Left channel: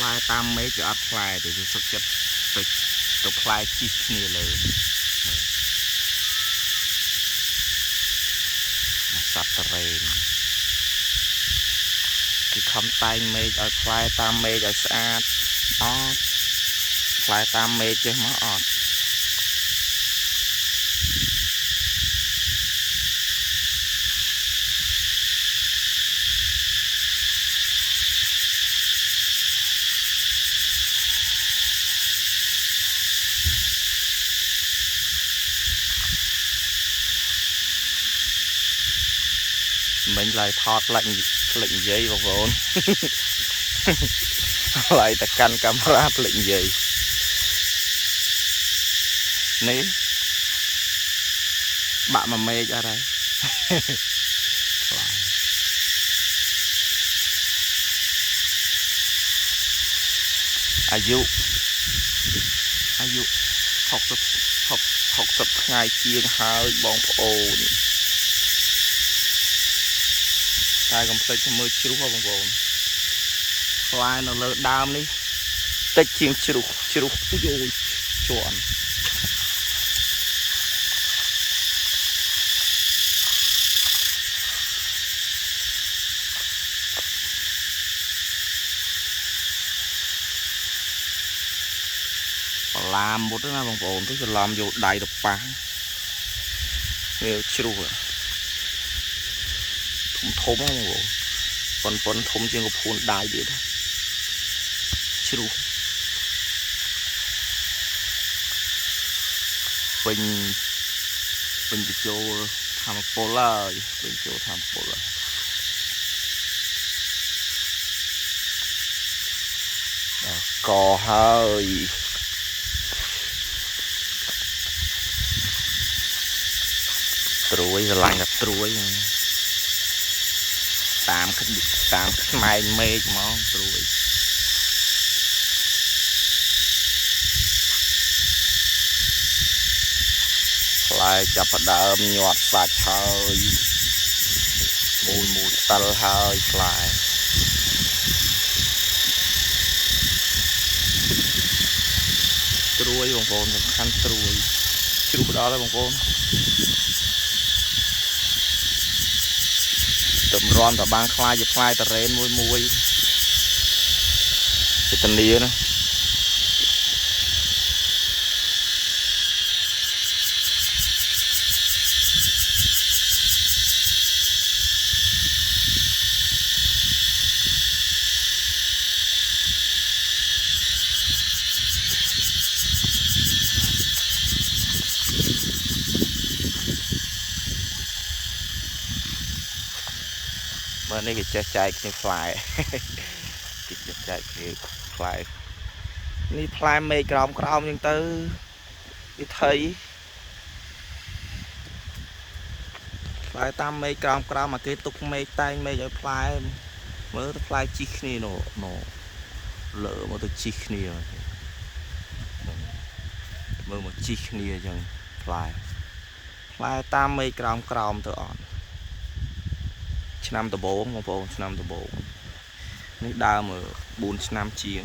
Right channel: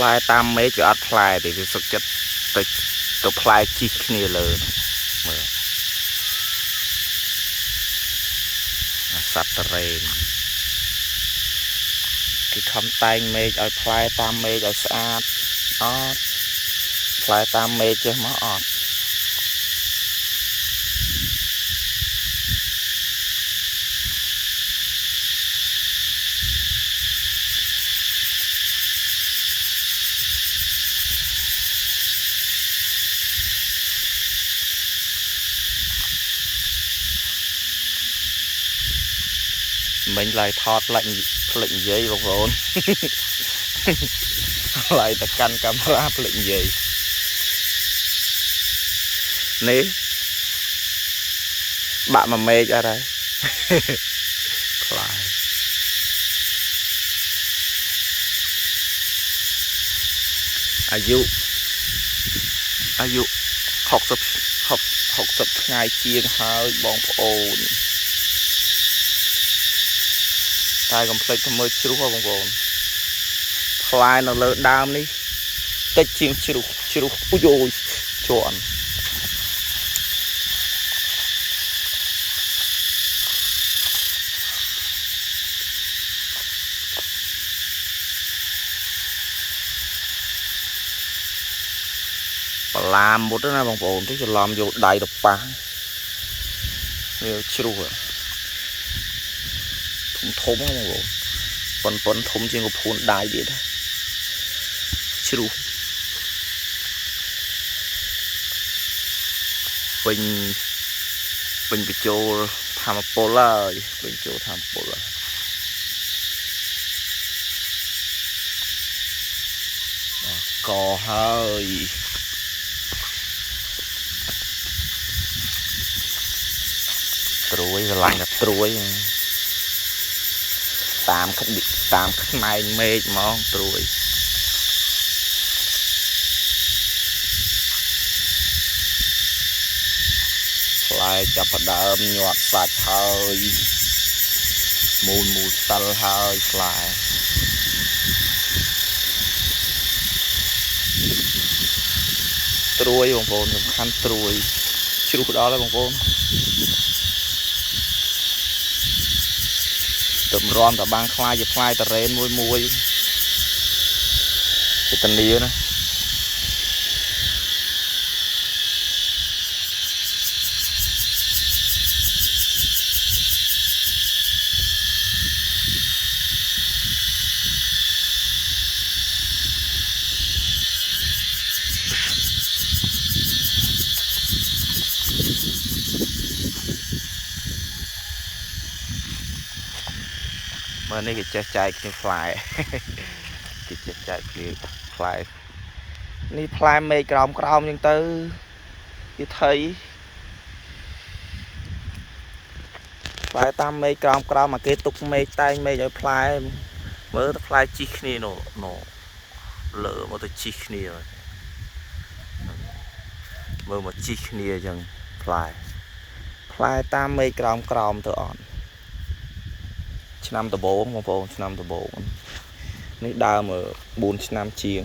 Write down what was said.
lại tam mấy cho ắt lại thì cái sức chất tập lại chi kia lớn sạt rèn cái khăm tay mê ở lại tam mê ở sát ót lại tam mê chứ mà ót mình lại thọt lệnh giấy bọc vốn lại ta căn camera lệnh giấy ní bạn mà mê cho đây lạiอายุ60ថ្ងៃជាងហើយបងប្អូនតែកុំភ្លេចទៅមើលជ្រុះបងប្អូនផ្លែនៅលើដើមនេះតិចជាងជ្រុះអូយអូយជាន់បលាមុតណាបងប្អូនទៅច្រឡំយកដៃទៅប៉ះវាជ្រុះធំហ្នឹងបងប្អូនប៉ុនធំជាងកពួនដៃទៀតជ្រុះពេញបញ្ចូលធម្មពលហើយបញ្ចូលធម្មពលកហើយត្រួយស្រឡាញ់តែត្រួយតាមខ្នែងមេឃហ្មងត្រួយផ្លែចាប់ផ្ដើមញាត់សាច់ហើយមូលស្តិលហើយផ្លែត្រួយបងប្អូនសំខាន់ត្រួយជ្រុះដល់ហើយបងប្អូនតម្រាំតបានខ្លាយជាផ្លែតរ៉េនមួយទៅតនីណាเมื่อนี้ก็จะใจคือฟลายก็จะใจคือฟลายนี่ฟลายเมย์กรอมยังตื้อที่thấyฟลายตามเมย์กรอมmà cái tụcเมย์tayเมย์choฟลายmới fly chi kia nổ lỡ mà tôi chi kia mới một chi kia chẳng fly tam ሜក្រោមទៅអត់ឆ្នាំដំបូងបងប្អូនឆ្នាំដំបូងនេះដើម4ឆ្នាំជាង